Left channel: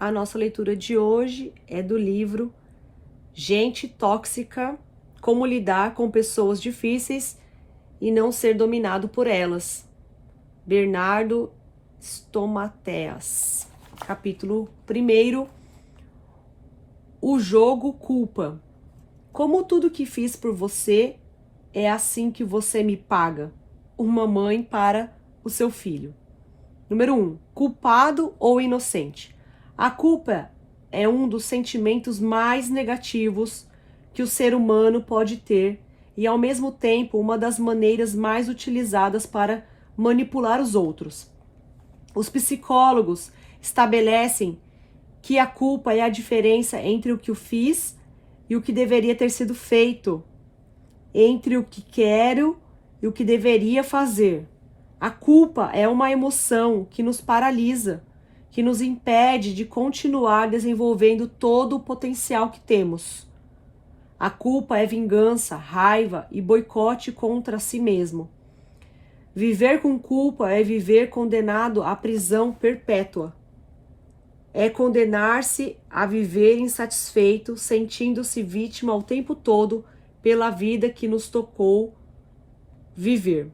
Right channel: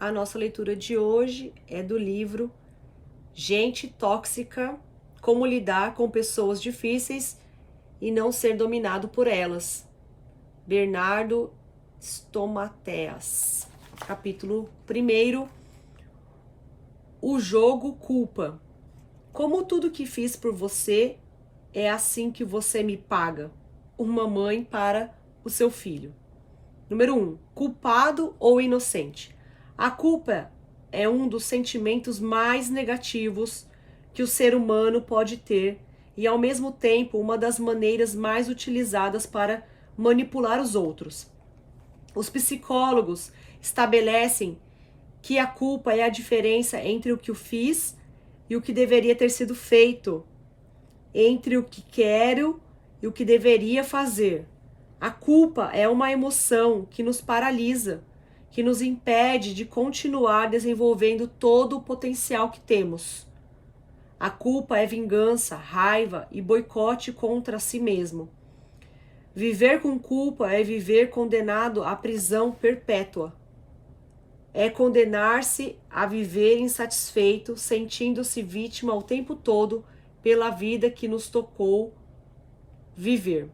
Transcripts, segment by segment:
A nossa leitura de hoje é do livro Gente Tóxica, Como Lidar com Pessoas Difíceis e Não Ser Dominado por Elas, Bernardo Stomateas. Capítulo 1. O jogo culpa. Como tudo que fiz por você, é assim que você me paga. Uma mãe para o seu filho. Número 1. Culpado ou inocente? A culpa é um dos sentimentos mais negativos que o ser humano pode ter e, ao mesmo tempo, uma das maneiras mais utilizadas para manipular os outros. Os psicólogos estabelecem que a culpa é a diferença entre o que eu fiz e o que deveria ter sido feito, entre o que quero e o que deveria fazer. A culpa é uma emoção que nos paralisa, que nos impede de continuar desenvolvendo todo o potencial que temos. A culpa é vingança, raiva e boicote contra si mesmo. Viver com culpa é viver condenado à prisão perpétua. É condenar-se a viver insatisfeito, sentindo-se vítima o tempo todo pela vida que nos tocou viver.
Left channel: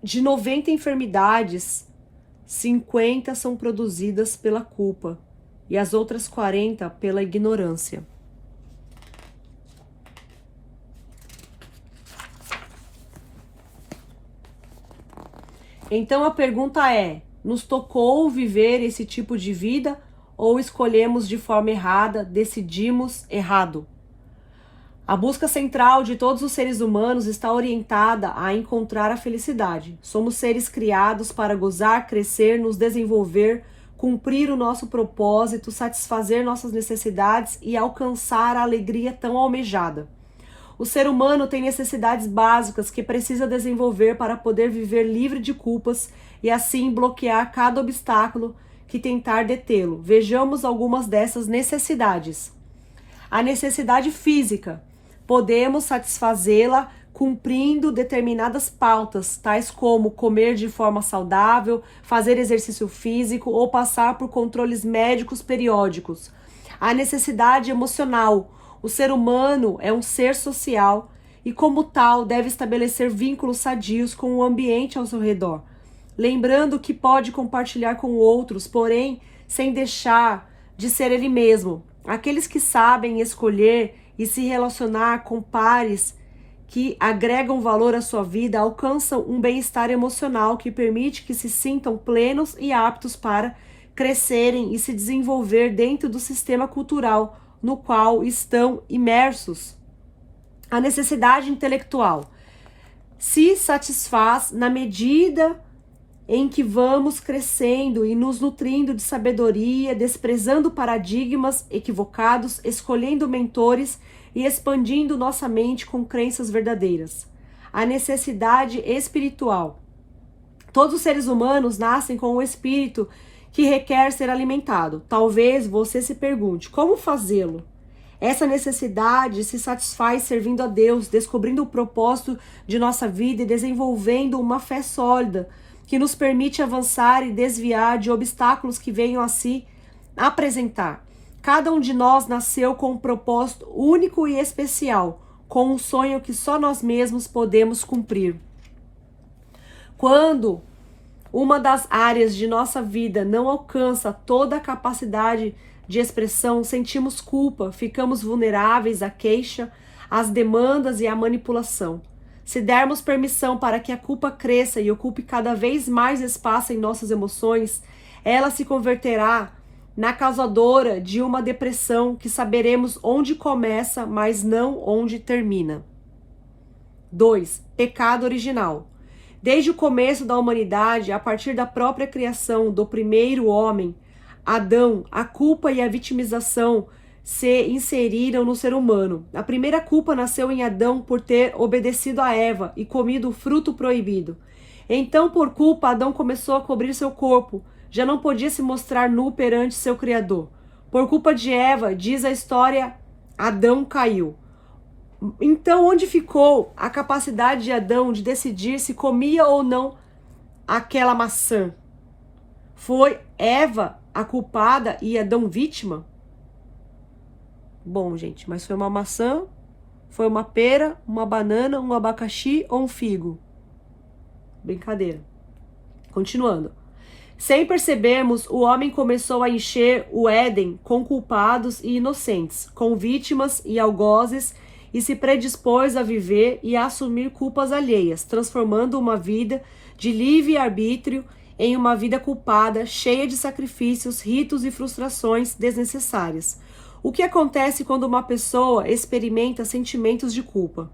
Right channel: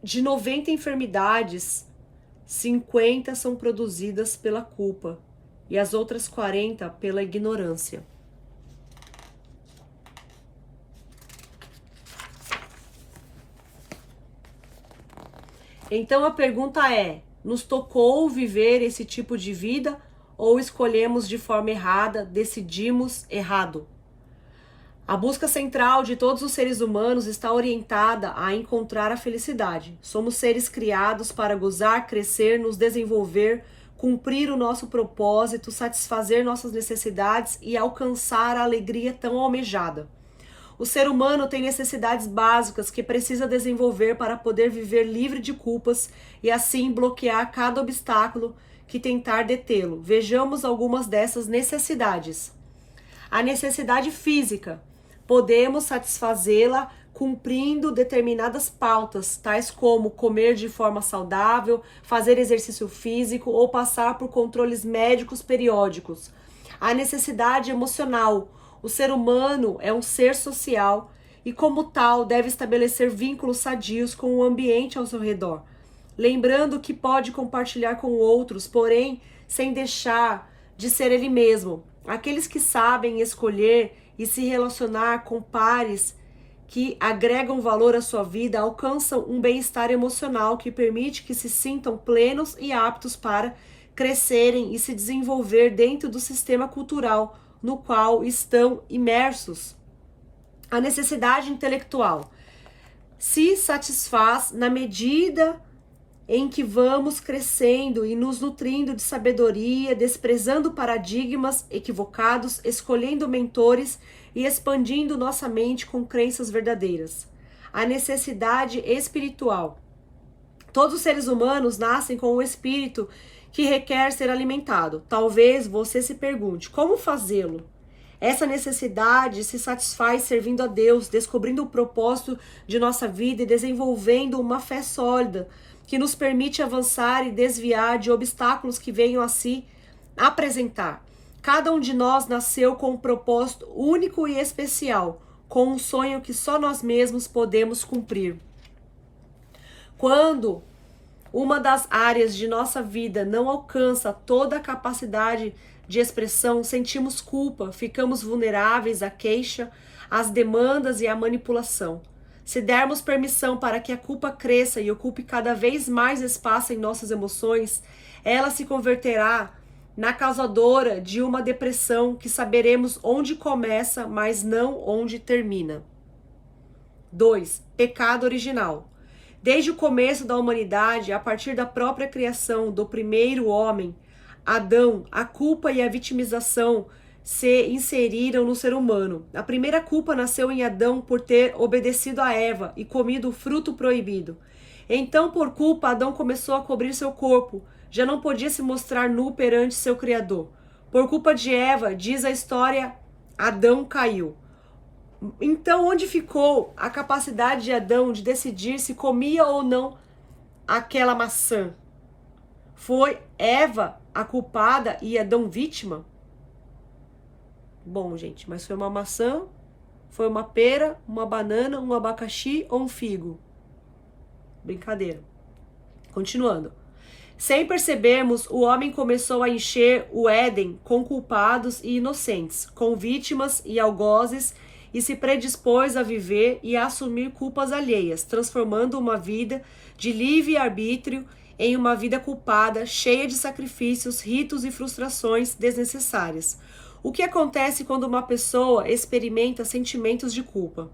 De 90 enfermidades, 50 são produzidas pela culpa e as outras 40 pela ignorância. Então a pergunta é: nos tocou viver esse tipo de vida ou escolhemos de forma errada, decidimos errado? A busca central de todos os seres humanos está orientada a encontrar a felicidade. Somos seres criados para gozar, crescer, nos desenvolver, cumprir o nosso propósito, satisfazer nossas necessidades e alcançar a alegria tão almejada. O ser humano tem necessidades básicas que precisa desenvolver para poder viver livre de culpas e assim bloquear cada obstáculo que tentar detê-lo. Vejamos algumas dessas necessidades. A necessidade física. Podemos satisfazê-la cumprindo determinadas pautas, tais como comer de forma saudável, fazer exercício físico ou passar por controles médicos periódicos. A necessidade emocional. O ser humano é um ser social e, como tal, deve estabelecer vínculos sadios com o ambiente ao seu redor, lembrando que pode compartilhar com outros, porém, sem deixar de ser ele mesmo. Aqueles que sabem escolher e se relacionar com pares que agregam valor à sua vida alcançam um bem-estar emocional que permite que se sintam plenos e aptos para crescerem e se desenvolver dentro do sistema cultural no qual estão imersos. A necessidade intelectual se satisfaz na medida em que vamos crescendo e nos nutrindo de sabedoria, desprezando paradigmas equivocados, escolhendo mentores e expandindo nossa mente com crenças verdadeiras. A necessidade espiritual. Todos os seres humanos nascem com um espírito que requer ser alimentado. Talvez você se pergunte, como fazê-lo? Essa necessidade se satisfaz servindo a Deus, descobrindo o propósito de nossa vida e desenvolvendo uma fé sólida que nos permite avançar e desviar de obstáculos que venham a se apresentar. Cada um de nós nasceu com um propósito único e especial, com um sonho que só nós mesmos podemos cumprir. Quando uma das áreas de nossa vida não alcança toda a capacidade de expressão, sentimos culpa, ficamos vulneráveis à queixa, às demandas e à manipulação. Se dermos permissão para que a culpa cresça e ocupe cada vez mais espaço em nossas emoções, ela se converterá na causadora de uma depressão que saberemos onde começa, mas não onde termina. 2. Pecado original. Desde o começo da humanidade, a partir da própria criação do primeiro homem, Adão, a culpa e a vitimização se inseriram no ser humano. A primeira culpa nasceu em Adão por ter obedecido a Eva e comido o fruto proibido. Então, por culpa, Adão começou a cobrir seu corpo. Já não podia se mostrar nu perante seu Criador. Por culpa de Eva, diz a história, Adão caiu. Então, onde ficou a capacidade de Adão de decidir se comia ou não aquela maçã? Foi Eva a culpada e Adão vítima? Bom, gente, mas foi uma maçã, foi uma pera, uma banana, um abacaxi ou um figo? Brincadeira. Continuando. Sem percebermos, o homem começou a encher o Éden com culpados e inocentes, com vítimas e algozes, e se predispôs a viver e a assumir culpas alheias, transformando uma vida de livre-arbítrio em uma vida culpada, cheia de sacrifícios, ritos e frustrações desnecessárias. O que acontece quando uma pessoa experimenta sentimentos de culpa?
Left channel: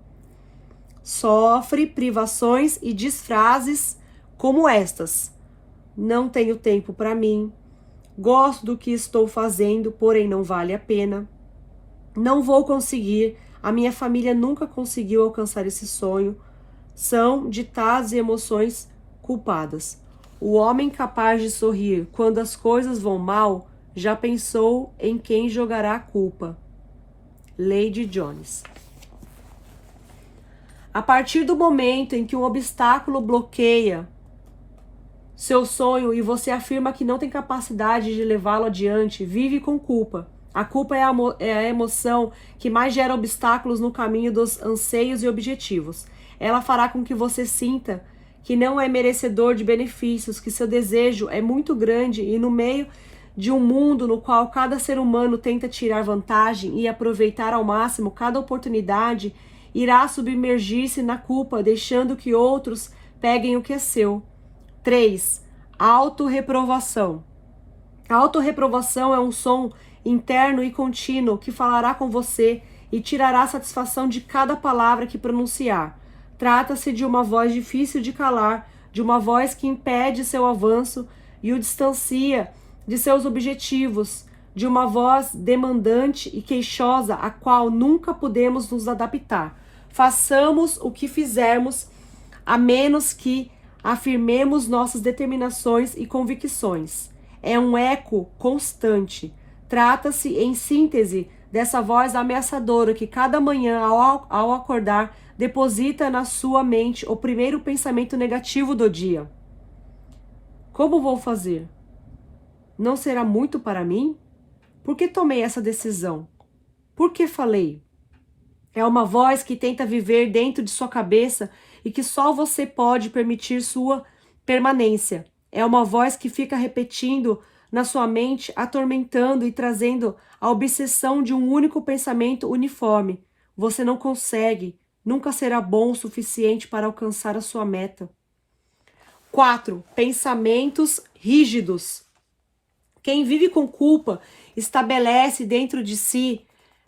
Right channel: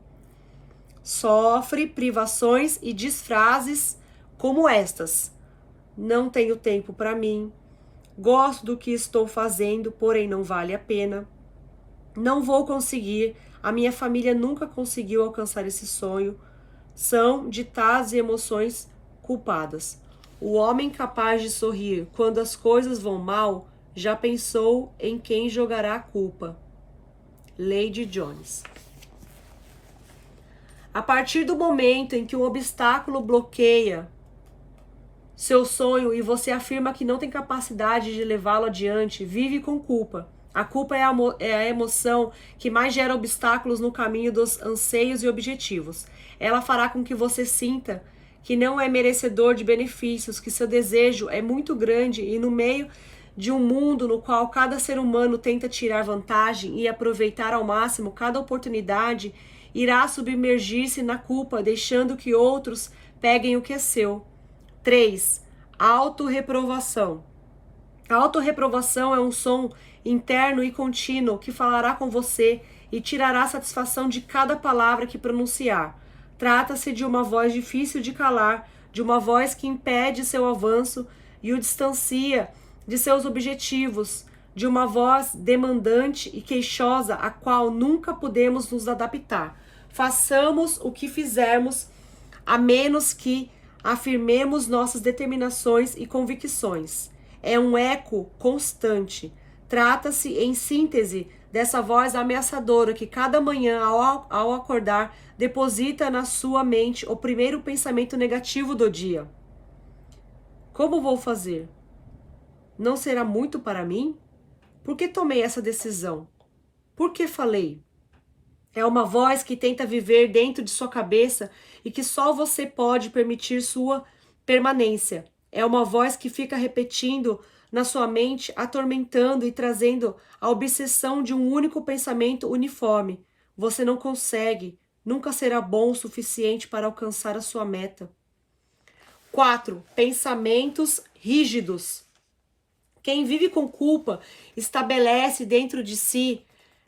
Sofre privações e diz frases como estas: não tenho tempo para mim, gosto do que estou fazendo, porém não vale a pena, não vou conseguir, a minha família nunca conseguiu alcançar esse sonho. São ditados e emoções culpadas. O homem capaz de sorrir quando as coisas vão mal já pensou em quem jogará a culpa. Lady Jones. A partir do momento em que um obstáculo bloqueia seu sonho e você afirma que não tem capacidade de levá-lo adiante, vive com culpa. A culpa é a emoção que mais gera obstáculos no caminho dos anseios e objetivos. Ela fará com que você sinta que não é merecedor de benefícios, que seu desejo é muito grande e no meio de um mundo no qual cada ser humano tenta tirar vantagem e aproveitar ao máximo cada oportunidade, irá submergir-se na culpa, deixando que outros peguem o que é seu. 3. Autorreprovação. A autorreprovação é um som interno e contínuo que falará com você e tirará satisfação de cada palavra que pronunciar. Trata-se de uma voz difícil de calar, de uma voz que impede seu avanço e o distancia de seus objetivos, de uma voz demandante e queixosa a qual nunca podemos nos adaptar. Façamos o que fizermos, a menos que afirmemos nossas determinações e convicções. É um eco constante. Trata-se, em síntese, dessa voz ameaçadora que cada manhã, ao acordar, deposita na sua mente o primeiro pensamento negativo do dia. Como vou fazer? Não será muito para mim? Por que tomei essa decisão? Por que falei? É uma voz que tenta viver dentro de sua cabeça e que só você pode permitir sua permanência. É uma voz que fica repetindo na sua mente, atormentando e trazendo a obsessão de um único pensamento uniforme. Você não consegue, nunca será bom o suficiente para alcançar a sua meta. 4. Pensamentos rígidos. Quem vive com culpa estabelece dentro de si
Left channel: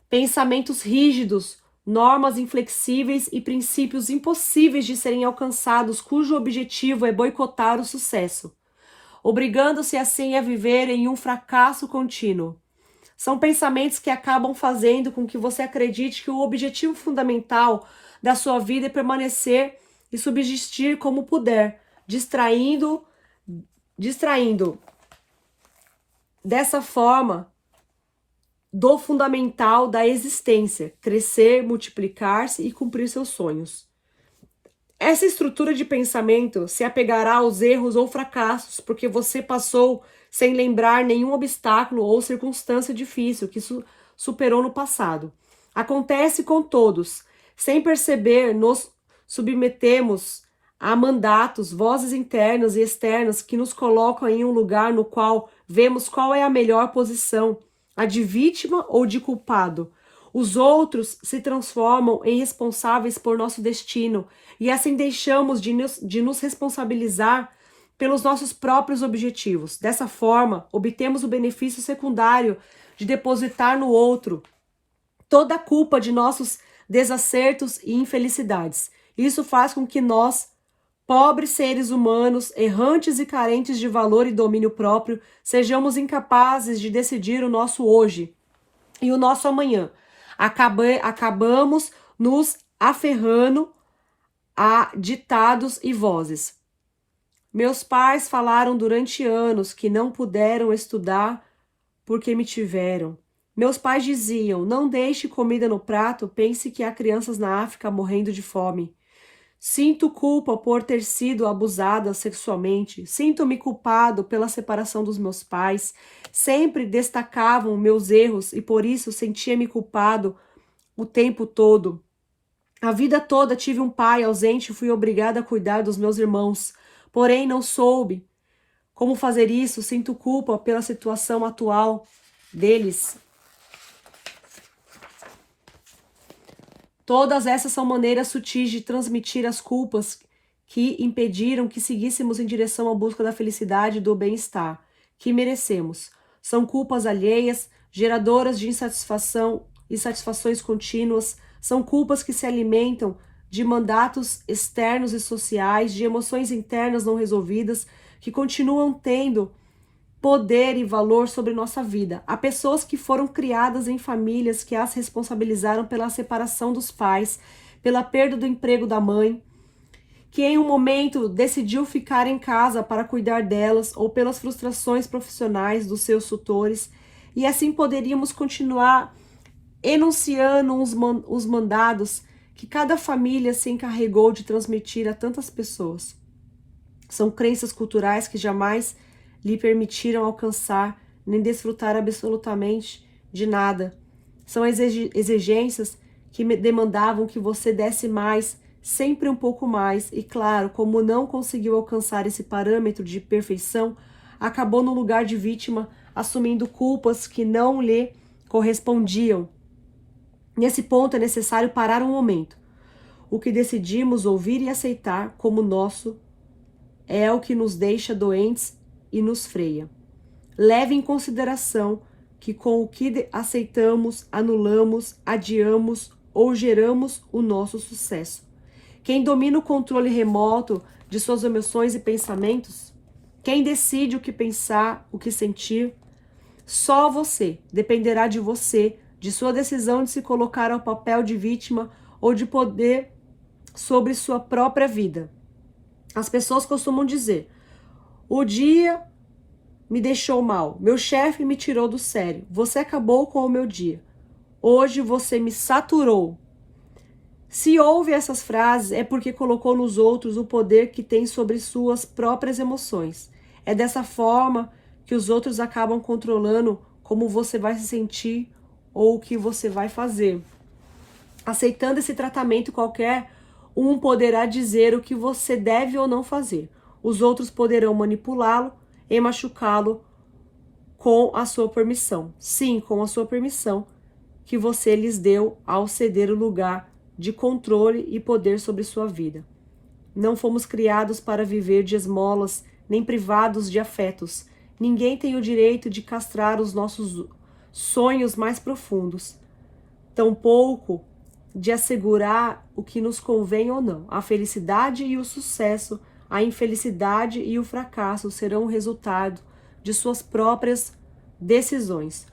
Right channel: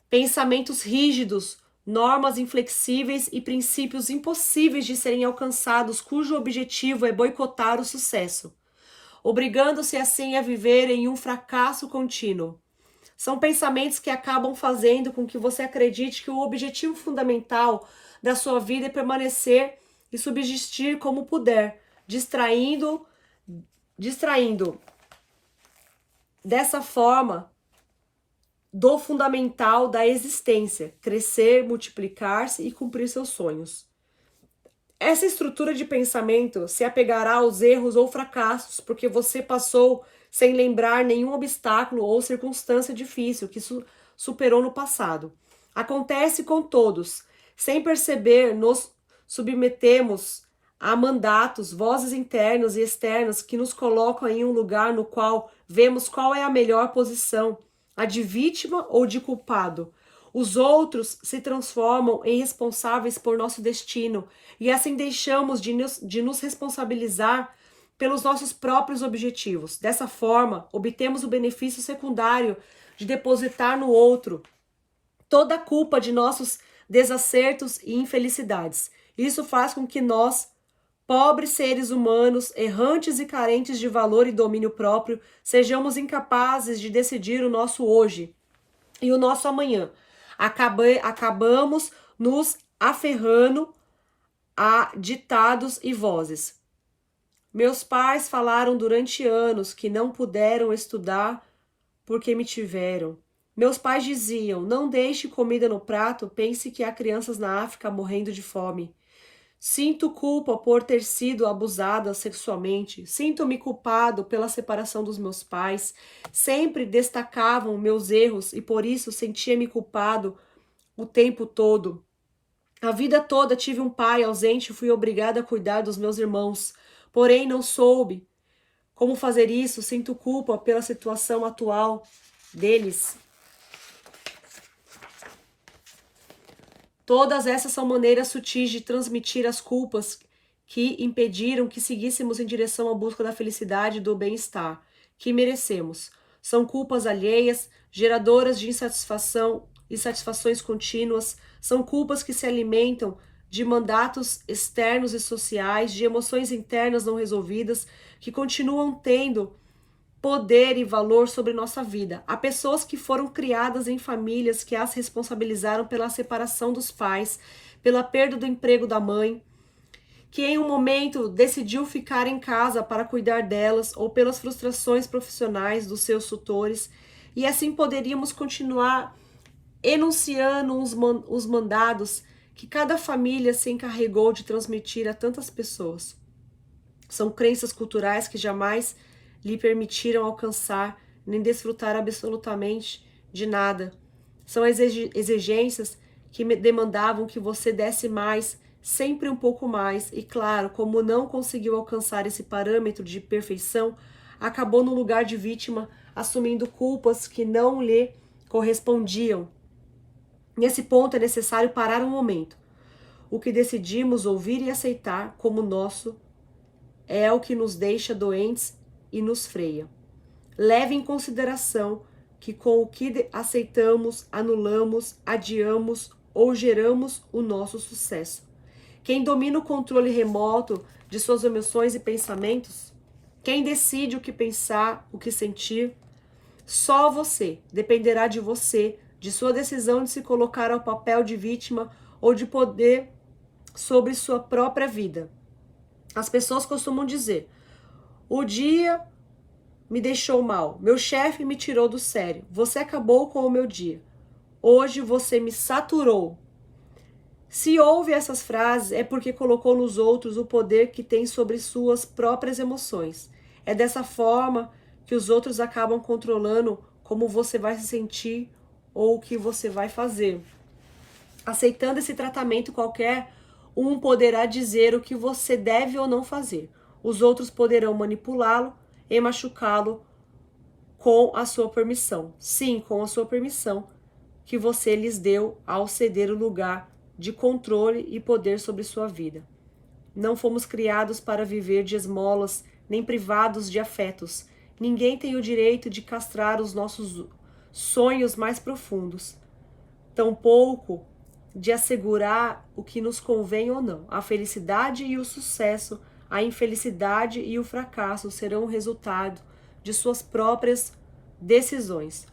pensamentos rígidos, normas inflexíveis e princípios impossíveis de serem alcançados, cujo objetivo é boicotar o sucesso, obrigando-se assim a viver em um fracasso contínuo. São pensamentos que acabam fazendo com que você acredite que o objetivo fundamental da sua vida é permanecer e subsistir como puder, distraindo dessa forma do fundamental da existência, crescer, multiplicar-se e cumprir seus sonhos. Essa estrutura de pensamento se apegará aos erros ou fracassos, porque você passou sem lembrar nenhum obstáculo ou circunstância difícil que superou no passado. Acontece com todos. Sem perceber, nos submetemos a mandatos, vozes internas e externas que nos colocam em um lugar no qual vemos qual é a melhor posição, a de vítima ou de culpado. Os outros se transformam em responsáveis por nosso destino e assim deixamos de nos responsabilizar pelos nossos próprios objetivos. Dessa forma, obtemos o benefício secundário de depositar no outro toda a culpa de nossos desacertos e infelicidades. Isso faz com que nós, pobres seres humanos, errantes e carentes de valor e domínio próprio, sejamos incapazes de decidir o nosso hoje e o nosso amanhã. Acabamos nos aferrando a ditados e vozes. Meus pais falaram durante anos que não puderam estudar porque me tiveram. Meus pais diziam, não deixe comida no prato, pense que há crianças na África morrendo de fome. Sinto culpa por ter sido abusada sexualmente. Sinto-me culpado pela separação dos meus pais. Sempre destacavam meus erros e por isso sentia-me culpado o tempo todo. A vida toda tive um pai ausente e fui obrigada a cuidar dos meus irmãos. Porém, não soube como fazer isso. Sinto culpa pela situação atual deles. Todas essas são maneiras sutis de transmitir as culpas que impediram que seguíssemos em direção à busca da felicidade e do bem-estar que merecemos. São culpas alheias, geradoras de insatisfação e satisfações contínuas. São culpas que se alimentam de mandatos externos e sociais, de emoções internas não resolvidas, que continuam tendo poder e valor sobre nossa vida. Há pessoas que foram criadas em famílias que as responsabilizaram pela separação dos pais, pela perda do emprego da mãe, que em um momento decidiu ficar em casa para cuidar delas, ou pelas frustrações profissionais dos seus tutores, e assim poderíamos continuar enunciando os mandados que cada família se encarregou de transmitir a tantas pessoas. São crenças culturais que jamais lhe permitiram alcançar nem desfrutar absolutamente de nada. São exigências que demandavam que você desse mais, sempre um pouco mais, e claro, como não conseguiu alcançar esse parâmetro de perfeição, acabou no lugar de vítima, assumindo culpas que não lhe correspondiam. Nesse ponto é necessário parar um momento. O que decidimos ouvir e aceitar como nosso é o que nos deixa doentes e nos freia. Leve em consideração que com o que aceitamos, anulamos, adiamos ou geramos o nosso sucesso. Quem domina o controle remoto de suas emoções e pensamentos? Quem decide o que pensar, o que sentir? Só você. Dependerá de você, de sua decisão de se colocar ao papel de vítima ou de poder sobre sua própria vida. As pessoas costumam dizer: o dia me deixou mal, meu chefe me tirou do sério, você acabou com o meu dia, hoje você me saturou. Se ouve essas frases é porque colocou nos outros o poder que tem sobre suas próprias emoções. É dessa forma que os outros acabam controlando como você vai se sentir ou o que você vai fazer. Aceitando esse tratamento qualquer, um poderá dizer o que você deve ou não fazer. Os outros poderão manipulá-lo e machucá-lo com a sua permissão. Sim, com a sua permissão que você lhes deu ao ceder o lugar de controle e poder sobre sua vida. Não fomos criados para viver de esmolas, nem privados de afetos. Ninguém tem o direito de castrar os nossos sonhos mais profundos. Tampouco de assegurar o que nos convém ou não. A felicidade e o sucesso, a infelicidade e o fracasso serão o resultado de suas próprias decisões.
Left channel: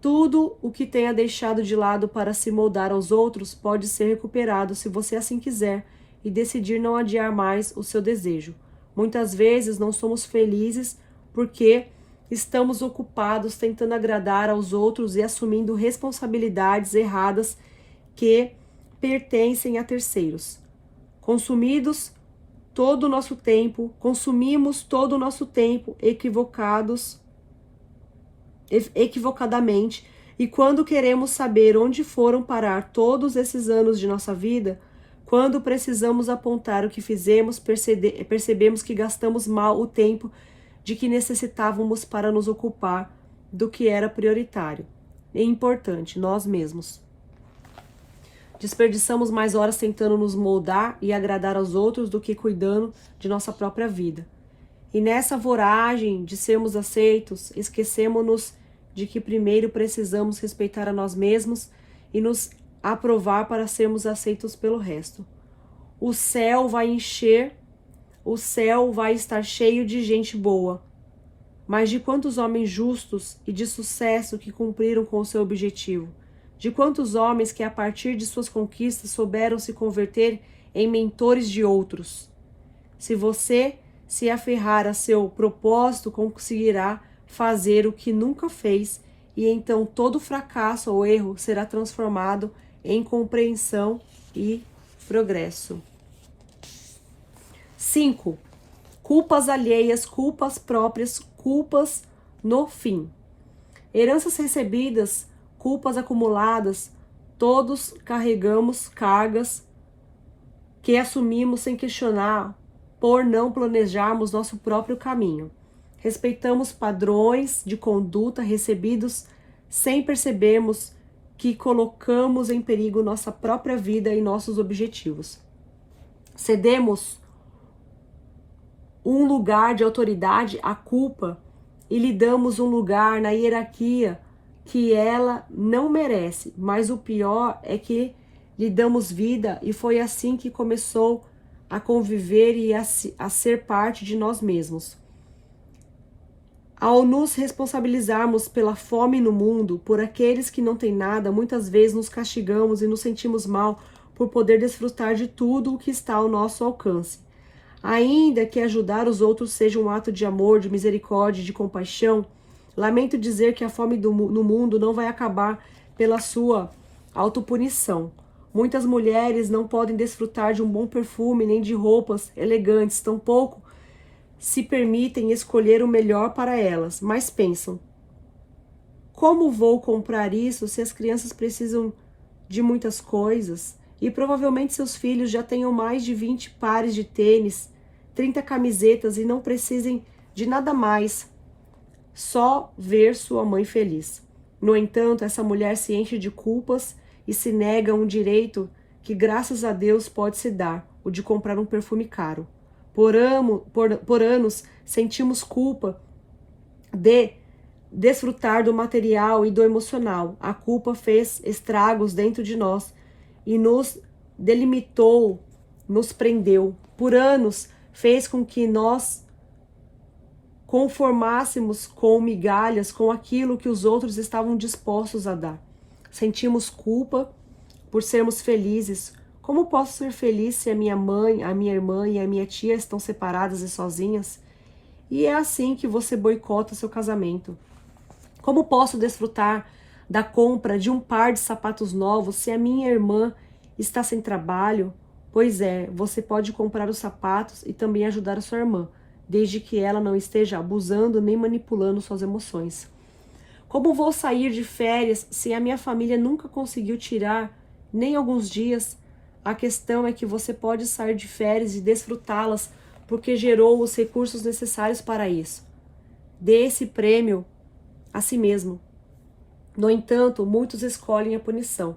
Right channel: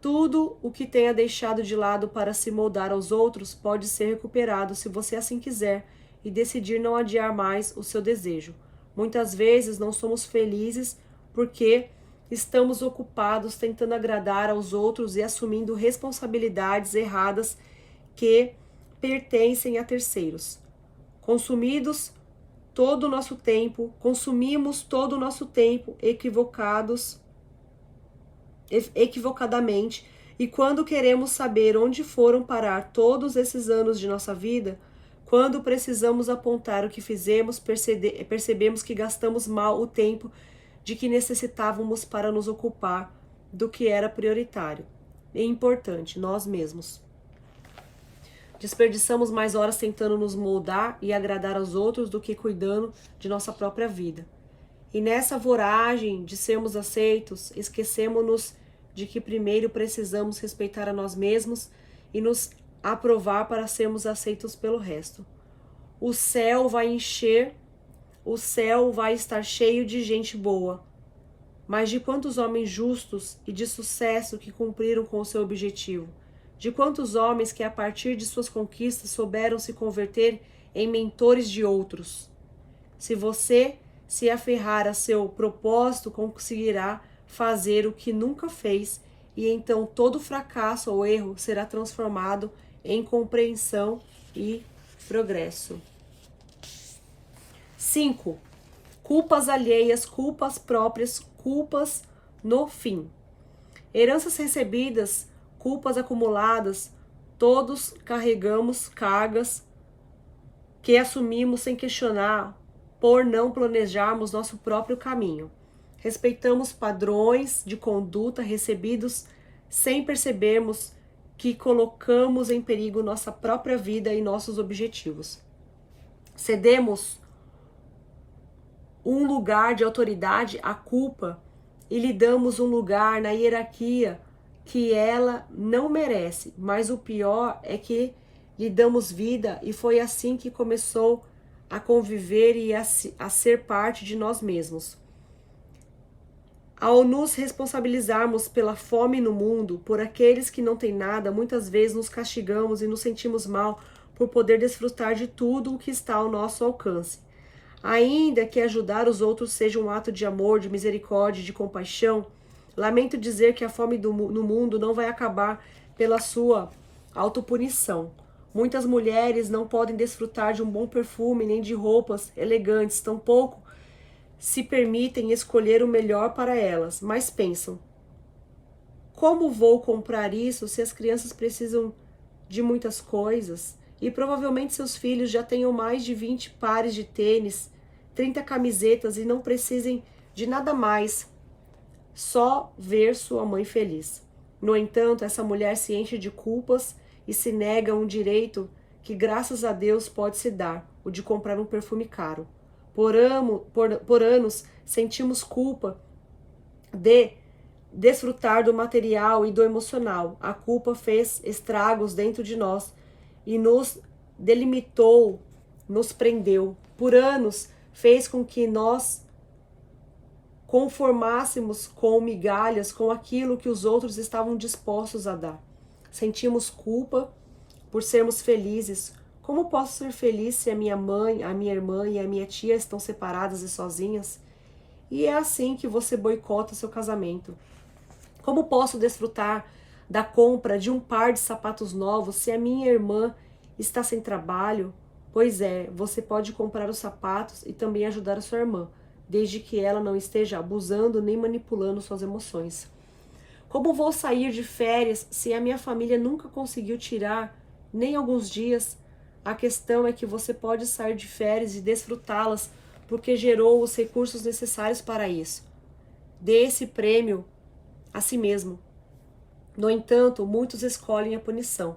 Tudo o que tenha deixado de lado para se moldar aos outros pode ser recuperado se você assim quiser e decidir não adiar mais o seu desejo. Muitas vezes não somos felizes porque estamos ocupados tentando agradar aos outros e assumindo responsabilidades erradas que pertencem a terceiros. Consumimos todo o nosso tempo equivocadamente, e quando queremos saber onde foram parar todos esses anos de nossa vida, quando precisamos apontar o que fizemos, percebemos que gastamos mal o tempo de que necessitávamos para nos ocupar do que era prioritário e importante, nós mesmos. Desperdiçamos mais horas tentando nos moldar e agradar aos outros do que cuidando de nossa própria vida. E nessa voragem de sermos aceitos, esquecemos-nos de que primeiro precisamos respeitar a nós mesmos e nos aprovar para sermos aceitos pelo resto. O céu vai estar cheio de gente boa, mas de quantos homens justos e de sucesso que cumpriram com o seu objetivo? De quantos homens que a partir de suas conquistas souberam se converter em mentores de outros? Se você se aferrar a seu propósito, conseguirá fazer o que nunca fez, e então todo fracasso ou erro será transformado em compreensão e progresso. 5. Culpas alheias, culpas próprias, culpas no fim. Heranças recebidas, culpas acumuladas, todos carregamos cargas que assumimos sem questionar por não planejarmos nosso próprio caminho. Respeitamos padrões de conduta recebidos sem percebermos que colocamos em perigo nossa própria vida e nossos objetivos. Cedemos um lugar de autoridade à culpa e lhe damos um lugar na hierarquia que ela não merece, mas o pior é que lhe damos vida e foi assim que começou a conviver e a ser parte de nós mesmos. Ao nos responsabilizarmos pela fome no mundo, por aqueles que não têm nada, muitas vezes nos castigamos e nos sentimos mal por poder desfrutar de tudo o que está ao nosso alcance. Ainda que ajudar os outros seja um ato de amor, de misericórdia, de compaixão, lamento dizer que a fome no mundo não vai acabar pela sua autopunição. Muitas mulheres não podem desfrutar de um bom perfume nem de roupas elegantes, tampouco se permitem escolher o melhor para elas, mas pensam: como vou comprar isso se as crianças precisam de muitas coisas? E provavelmente seus filhos já tenham mais de 20 pares de tênis, 30 camisetas e não precisem de nada mais, só ver sua mãe feliz. No entanto, essa mulher se enche de culpas e se nega um direito que, graças a Deus, pode se dar, o de comprar um perfume caro. Por anos, sentimos culpa de desfrutar do material e do emocional. A culpa fez estragos dentro de nós e nos delimitou, nos prendeu. Por anos, fez com que nós conformássemos com migalhas, com aquilo que os outros estavam dispostos a dar. Sentimos culpa por sermos felizes. Como posso ser feliz se a minha mãe, a minha irmã e a minha tia estão separadas e sozinhas? E é assim que você boicota seu casamento. Como posso desfrutar da compra de um par de sapatos novos se a minha irmã está sem trabalho? Pois é, você pode comprar os sapatos e também ajudar a sua irmã, desde que ela não esteja abusando nem manipulando suas emoções. Como vou sair de férias se a minha família nunca conseguiu tirar nem alguns dias? A questão é que você pode sair de férias e desfrutá-las porque gerou os recursos necessários para isso. Dê esse prêmio a si mesmo. No entanto, muitos escolhem a punição.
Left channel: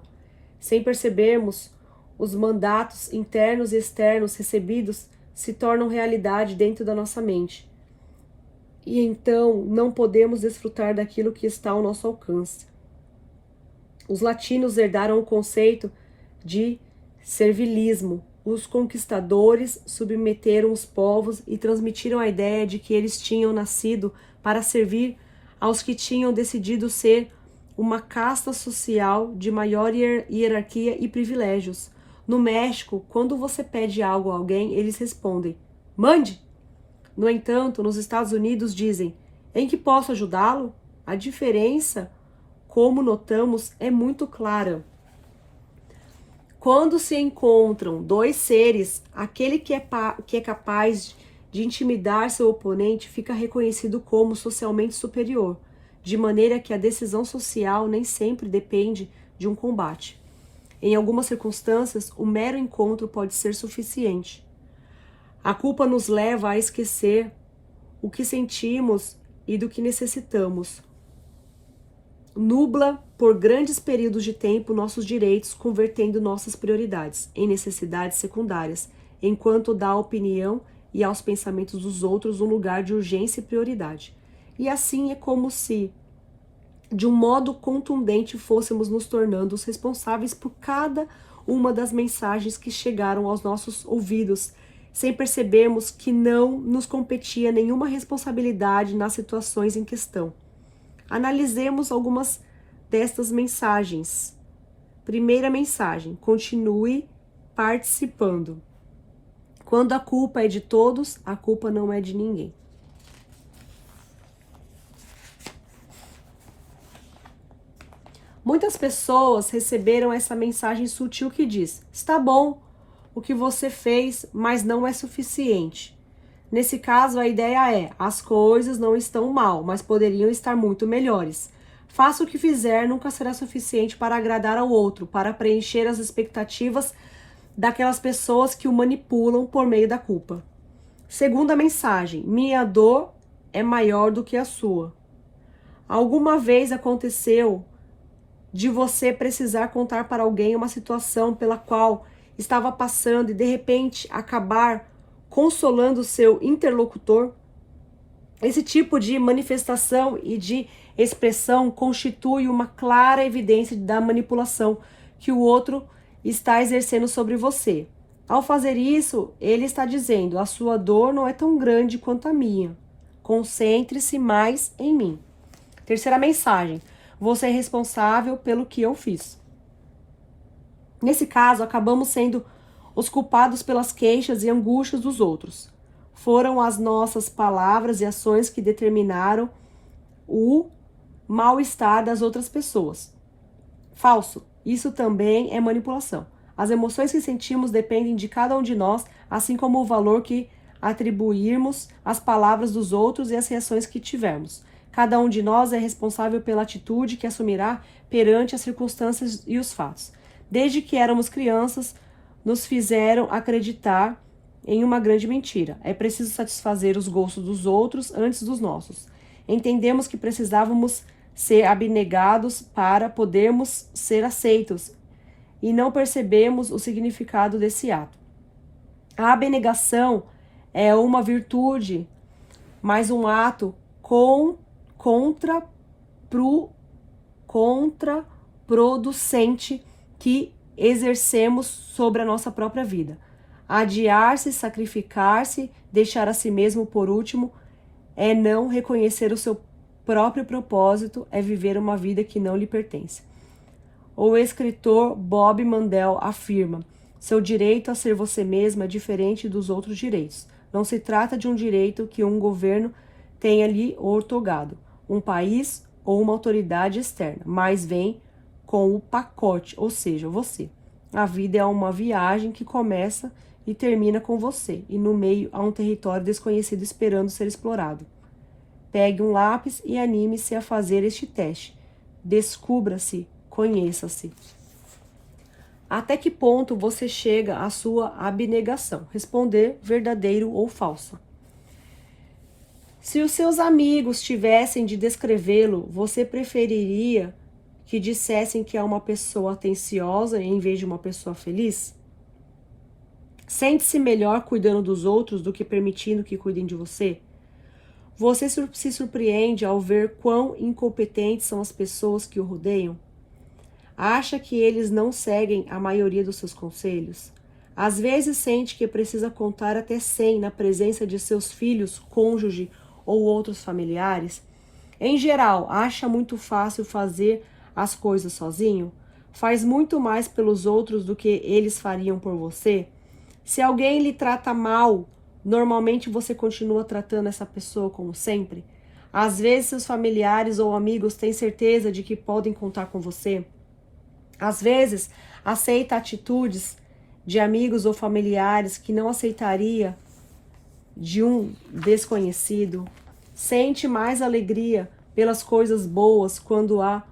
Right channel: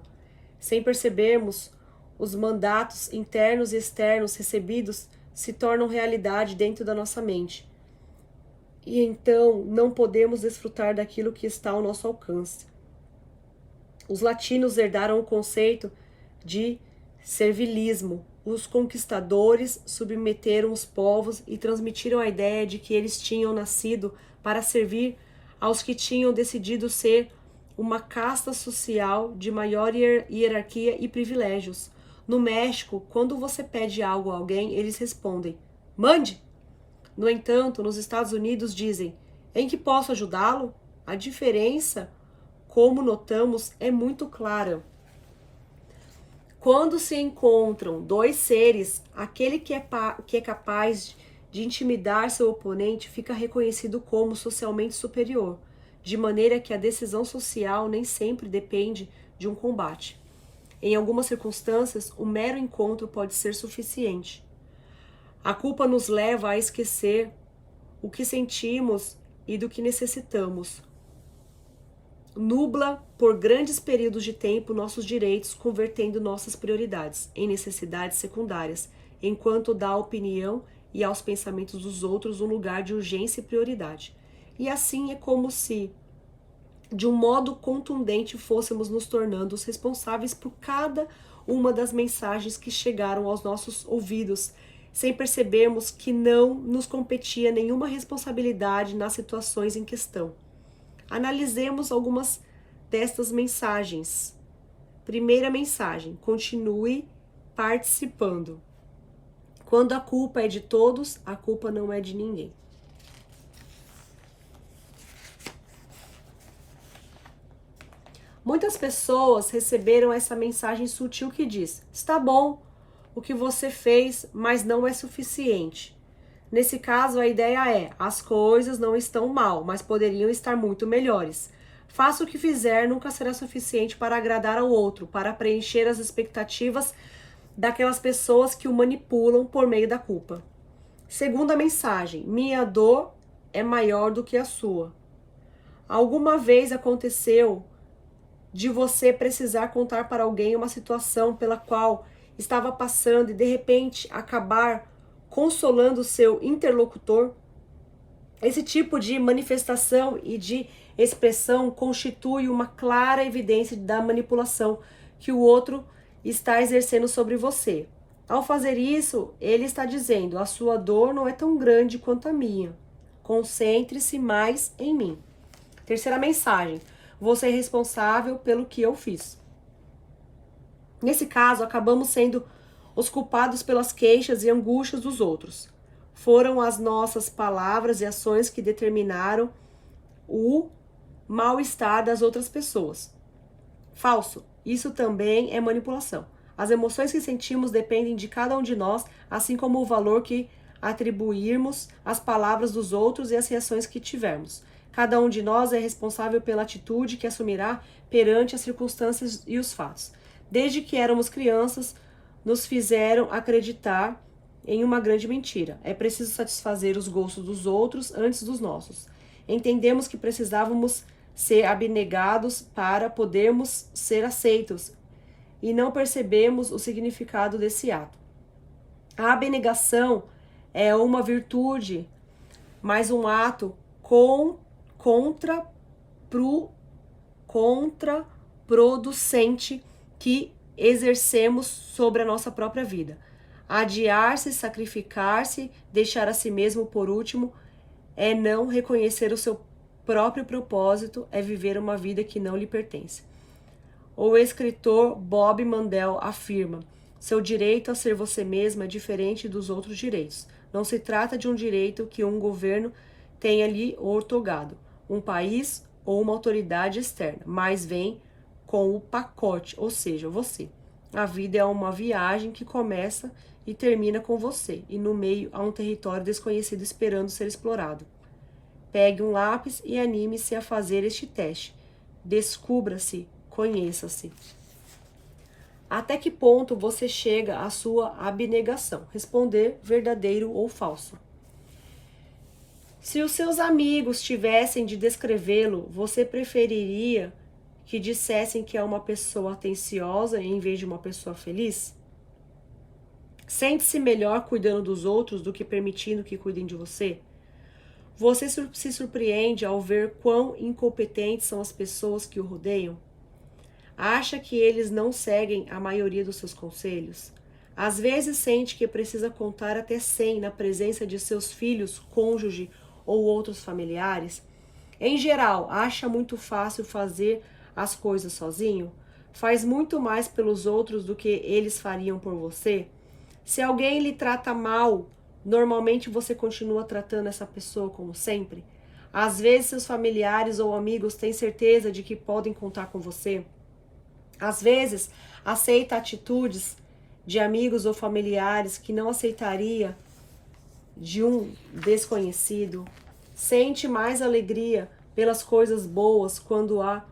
Sem percebermos, os mandatos internos e externos recebidos se tornam realidade dentro da nossa mente. E então não podemos desfrutar daquilo que está ao nosso alcance. Os latinos herdaram o conceito de servilismo. Os conquistadores submeteram os povos e transmitiram a ideia de que eles tinham nascido para servir aos que tinham decidido ser uma casta social de maior hierarquia e privilégios. No México, quando você pede algo a alguém, eles respondem: mande! No entanto, nos Estados Unidos dizem: em que posso ajudá-lo? A diferença, como notamos, é muito clara. Quando se encontram dois seres, aquele que é capaz de intimidar seu oponente fica reconhecido como socialmente superior, de maneira que a decisão social nem sempre depende de um combate. Em algumas circunstâncias, o mero encontro pode ser suficiente. A culpa nos leva a esquecer o que sentimos e do que necessitamos. Nubla por grandes períodos de tempo nossos direitos, convertendo nossas prioridades em necessidades secundárias, enquanto dá à opinião e aos pensamentos dos outros um lugar de urgência e prioridade. E assim é como se, de um modo contundente, fôssemos nos tornando os responsáveis por cada uma das mensagens que chegaram aos nossos ouvidos, sem percebermos que não nos competia nenhuma responsabilidade nas situações em questão. Analisemos algumas destas mensagens. Primeira mensagem: continue participando. Quando a culpa é de todos, a culpa não é de ninguém. Muitas pessoas receberam essa mensagem sutil que diz: está bom, o que você fez, mas não é suficiente. Nesse caso, a ideia é: as coisas não estão mal, mas poderiam estar muito melhores. Faça o que fizer, nunca será suficiente para agradar ao outro, para preencher as expectativas daquelas pessoas que o manipulam por meio da culpa. Segunda mensagem: minha dor é maior do que a sua. Alguma vez aconteceu de você precisar contar para alguém uma situação pela qual estava passando e de repente acabar consolando o seu interlocutor? Esse tipo de manifestação e de expressão constitui uma clara evidência da manipulação que o outro está exercendo sobre você. Ao fazer isso, ele está dizendo: a sua dor não é tão grande quanto a minha. Concentre-se mais em mim. Terceira mensagem: você é responsável pelo que eu fiz. Nesse caso, acabamos sendo os culpados pelas queixas e angústias dos outros. Foram as nossas palavras e ações que determinaram o mal-estar das outras pessoas. Falso. Isso também é manipulação. As emoções que sentimos dependem de cada um de nós, assim como o valor que atribuirmos às palavras dos outros e às reações que tivermos. Cada um de nós é responsável pela atitude que assumirá perante as circunstâncias e os fatos. Desde que éramos crianças, nos fizeram acreditar em uma grande mentira. É preciso satisfazer os gostos dos outros antes dos nossos. Entendemos que precisávamos ser abnegados para podermos ser aceitos e não percebemos o significado desse ato. A abnegação é uma virtude, mas um ato contraproducente que exercemos sobre a nossa própria vida. Adiar-se, sacrificar-se, deixar a si mesmo por último, é não reconhecer o seu próprio propósito, é viver uma vida que não lhe pertence. O escritor Bob Mandel afirma: seu direito a ser você mesmo é diferente dos outros direitos. Não se trata de um direito que um governo tenha lhe outorgado, um país ou uma autoridade externa, mas vem com o pacote, ou seja, você. A vida é uma viagem que começa e termina com você, e no meio há um território desconhecido esperando ser explorado. Pegue um lápis e anime-se a fazer este teste. Descubra-se, conheça-se. Até que ponto você chega à sua abnegação? Responder verdadeiro ou falso. Se os seus amigos tivessem de descrevê-lo, você preferiria que dissessem que é uma pessoa atenciosa em vez de uma pessoa feliz? Sente-se melhor cuidando dos outros do que permitindo que cuidem de você? Você se surpreende ao ver quão incompetentes são as pessoas que o rodeiam? Acha que eles não seguem a maioria dos seus conselhos? Às vezes sente que precisa contar até 100 na presença de seus filhos, cônjuge ou outros familiares? Em geral, acha muito fácil fazer as coisas sozinho? Faz muito mais pelos outros do que eles fariam por você? Se alguém lhe trata mal, normalmente você continua tratando essa pessoa como sempre? Às vezes seus familiares ou amigos têm certeza de que podem contar com você? Às vezes aceita atitudes de amigos ou familiares que não aceitaria de um desconhecido? Sente mais alegria pelas coisas boas quando há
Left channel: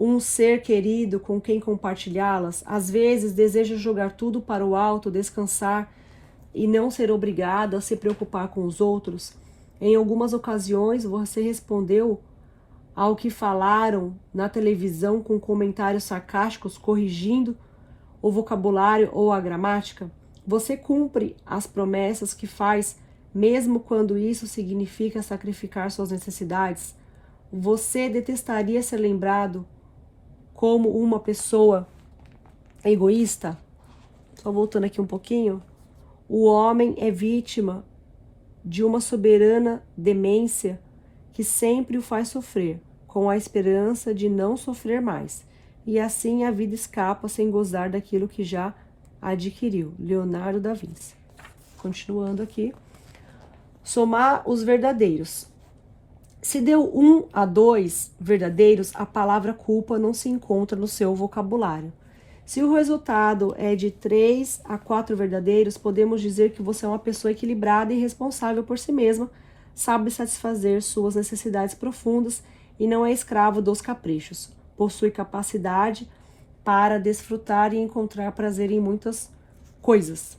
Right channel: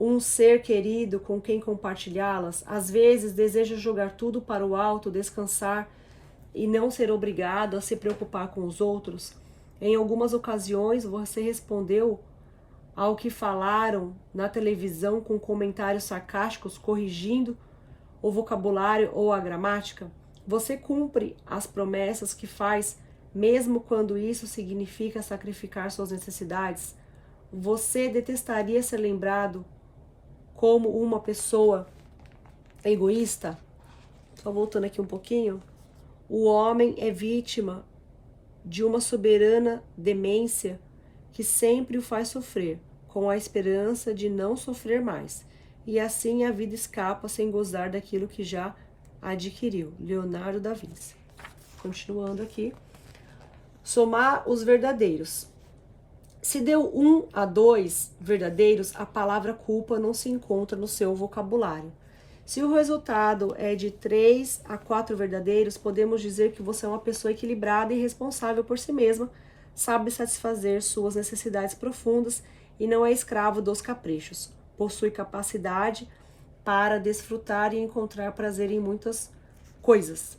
um ser querido com quem compartilhá-las? Às vezes deseja jogar tudo para o alto, descansar e não ser obrigado a se preocupar com os outros? Em algumas ocasiões você respondeu ao que falaram na televisão com comentários sarcásticos, corrigindo o vocabulário ou a gramática? Você cumpre as promessas que faz, mesmo quando isso significa sacrificar suas necessidades? Você detestaria ser lembrado como uma pessoa egoísta? Só voltando aqui um pouquinho. O homem é vítima de uma soberana demência que sempre o faz sofrer, com a esperança de não sofrer mais. E assim a vida escapa sem gozar daquilo que já adquiriu. Leonardo da Vinci. Continuando aqui. Somar os verdadeiros. Se deu 1 a 2 verdadeiros, a palavra culpa não se encontra no seu vocabulário. Se o resultado é de 3 a 4 verdadeiros, podemos dizer que você é uma pessoa equilibrada e responsável por si mesma, sabe satisfazer suas necessidades profundas e não é escravo dos caprichos. Possui capacidade para desfrutar e encontrar prazer em muitas coisas.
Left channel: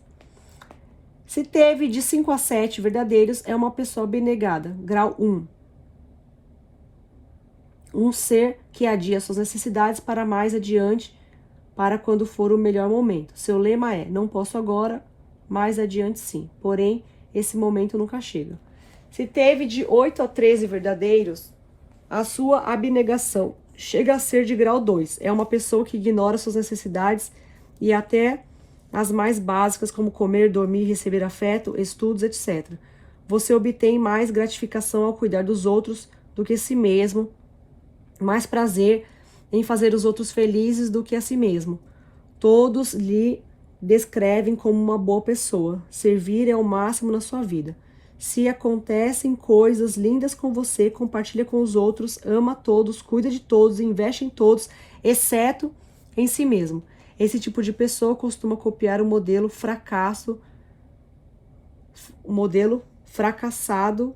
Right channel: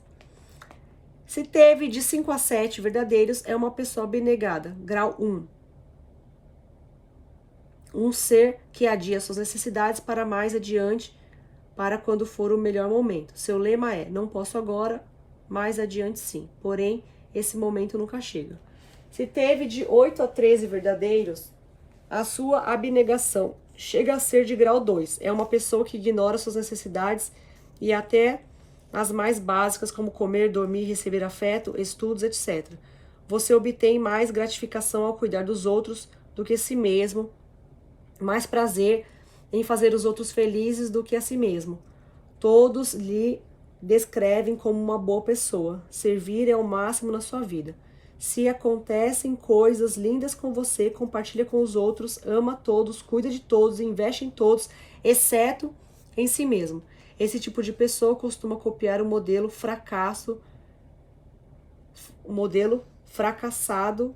Se teve de 5 a 7 verdadeiros, é uma pessoa abnegada. Grau 1. Um ser que adia suas necessidades para mais adiante, para quando for o melhor momento. Seu lema é: não posso agora, mais adiante sim. Porém, esse momento nunca chega. Se teve de 8 a 13 verdadeiros, a sua abnegação chega a ser de grau 2. É uma pessoa que ignora suas necessidades e até as mais básicas, como comer, dormir, receber afeto, estudos, etc. Você obtém mais gratificação ao cuidar dos outros do que si mesmo, mais prazer em fazer os outros felizes do que a si mesmo. Todos lhe descrevem como uma boa pessoa. Servir é o máximo na sua vida. Se acontecem coisas lindas com você, compartilha com os outros, ama todos, cuida de todos, investe em todos, exceto em si mesmo. Esse tipo de pessoa costuma copiar o modelo fracassado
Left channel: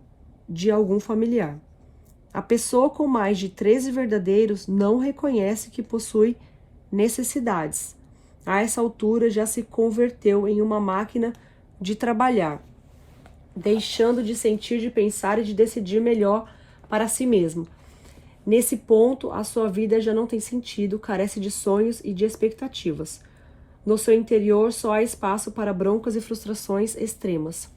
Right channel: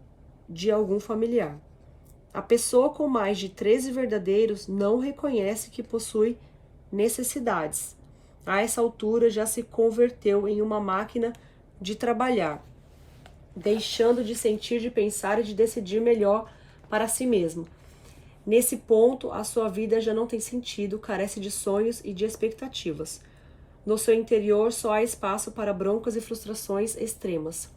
de algum familiar. A pessoa com mais de 13 verdadeiros não reconhece que possui necessidades. A essa altura já se converteu em uma máquina de trabalhar, deixando de sentir, de pensar e de decidir melhor para si mesmo. Nesse ponto, a sua vida já não tem sentido, carece de sonhos e de expectativas. No seu interior só há espaço para broncas e frustrações extremas.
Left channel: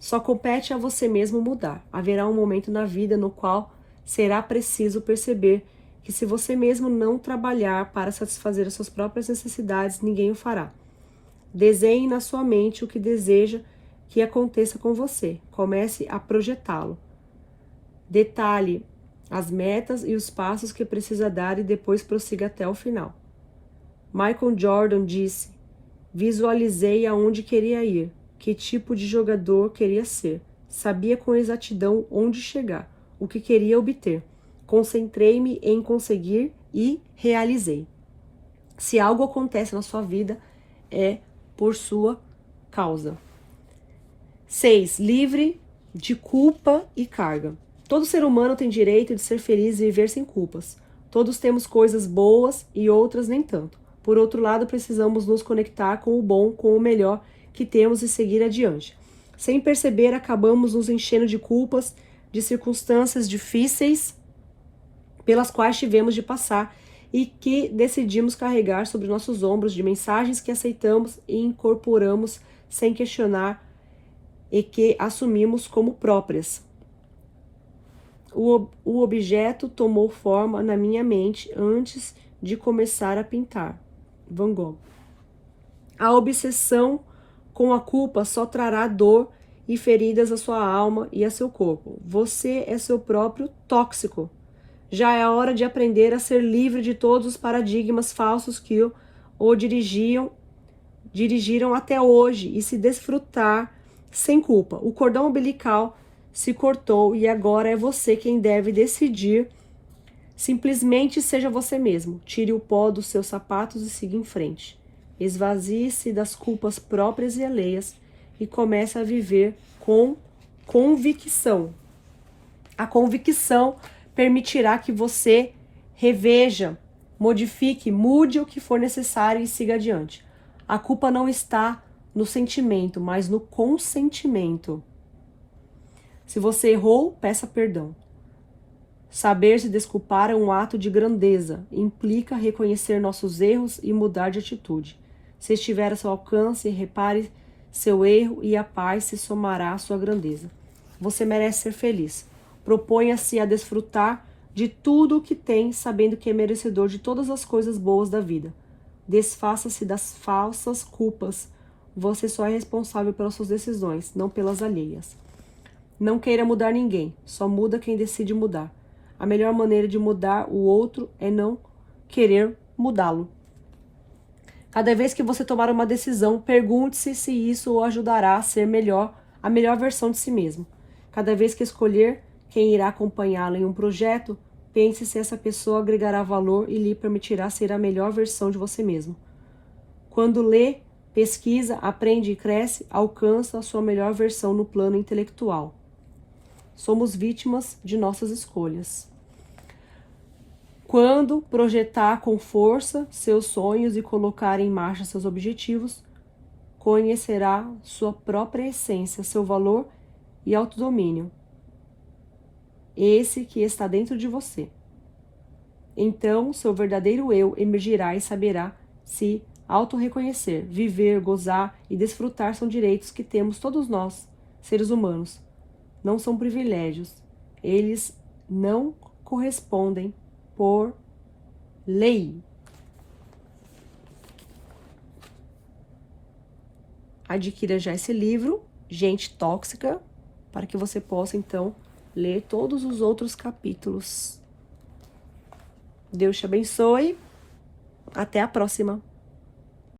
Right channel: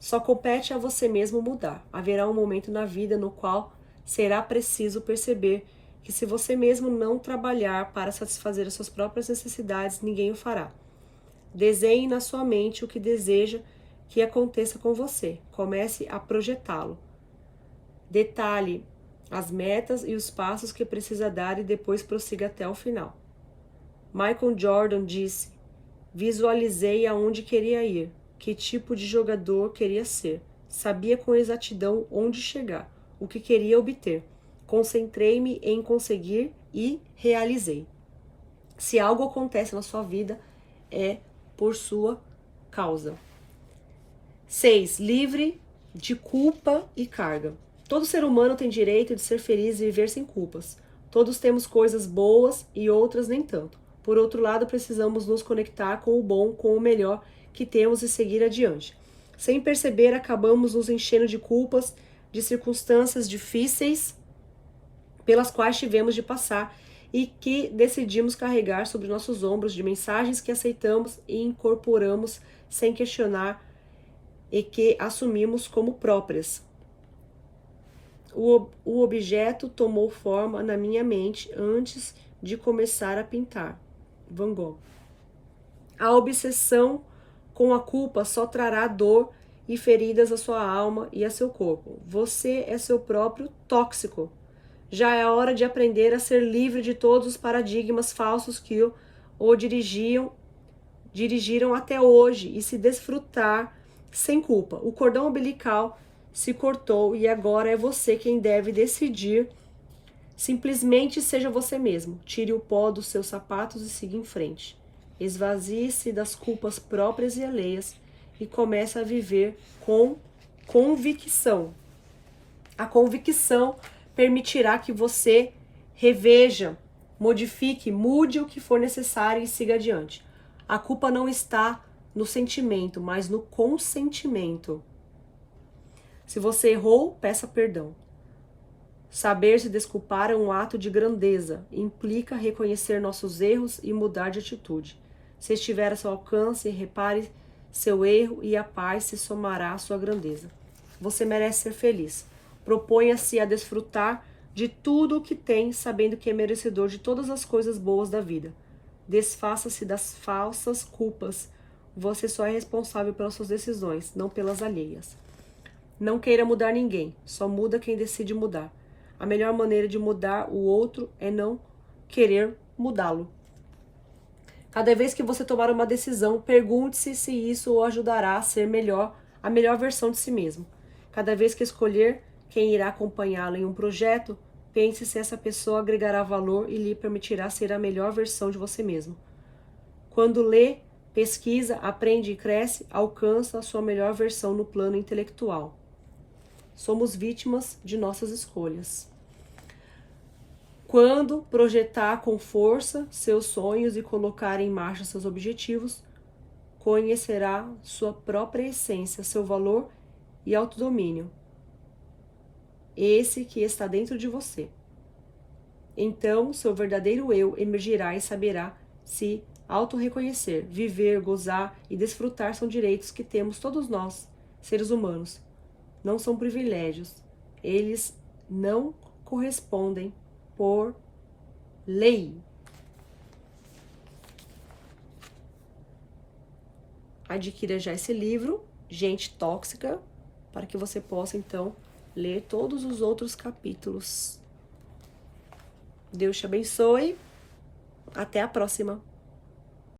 Só compete a você mesmo mudar. Haverá um momento na vida no qual será preciso perceber que se você mesmo não trabalhar para satisfazer as suas próprias necessidades, ninguém o fará. Desenhe na sua mente o que deseja que aconteça com você. Comece a projetá-lo. Detalhe as metas e os passos que precisa dar e depois prossiga até o final. Michael Jordan disse: visualizei aonde queria ir, que tipo de jogador queria ser. Sabia com exatidão onde chegar, o que queria obter. Concentrei-me em conseguir e realizei. Se algo acontece na sua vida, é por sua causa. 6. Livre de culpa e carga. Todo ser humano tem direito de ser feliz e viver sem culpas. Todos temos coisas boas e outras nem tanto. Por outro lado, precisamos nos conectar com o bom, com o melhor que temos e seguir adiante. Sem perceber, acabamos nos enchendo de culpas, de circunstâncias difíceis pelas quais tivemos de passar e que decidimos carregar sobre nossos ombros, de mensagens que aceitamos e incorporamos sem questionar e que assumimos como próprias. O objeto tomou forma na minha mente antes de começar a pintar. Van Gogh. A obsessão com a culpa só trará dor e feridas à sua alma e a seu corpo. Você é seu próprio tóxico. Já é a hora de aprender a ser livre de todos os paradigmas falsos que o dirigiram até hoje e se desfrutar sem culpa. O cordão umbilical se cortou e agora é você quem deve decidir. Simplesmente seja você mesmo. Tire o pó dos seus sapatos e siga em frente. Esvazie-se das culpas próprias e alheias e comece a viver com convicção. A convicção permitirá que você reveja, modifique, mude o que for necessário e siga adiante. A culpa não está no sentimento, mas no consentimento. Se você errou, peça perdão. Saber se desculpar é um ato de grandeza. Implica reconhecer nossos erros e mudar de atitude. Se estiver a seu alcance, repare seu erro e a paz se somará à sua grandeza. Você merece ser feliz. Proponha-se a desfrutar de tudo o que tem, sabendo que é merecedor de todas as coisas boas da vida. Desfaça-se das falsas culpas. Você só é responsável pelas suas decisões, não pelas alheias. Não queira mudar ninguém, só muda quem decide mudar. A melhor maneira de mudar o outro é não querer mudá-lo. Cada vez que você tomar uma decisão, pergunte-se se isso o ajudará a ser a melhor versão de si mesmo. Cada vez que escolher quem irá acompanhá-lo em um projeto, pense se essa pessoa agregará valor e lhe permitirá ser a melhor versão de você mesmo. Quando lê, pesquisa, aprende e cresce, alcança a sua melhor versão no plano intelectual. Somos vítimas de nossas escolhas. Quando projetar com força seus sonhos e colocar em marcha seus objetivos, conhecerá sua própria essência, seu valor e autodomínio. Esse que está dentro de você. Então, seu verdadeiro eu emergirá e saberá se auto-reconhecer, viver, gozar e desfrutar são direitos que temos todos nós, seres humanos. Não são privilégios. Eles não correspondem por lei. Adquira já esse livro, Gente Tóxica, para que você possa, então, ler todos os outros capítulos. Deus te abençoe. Até a próxima.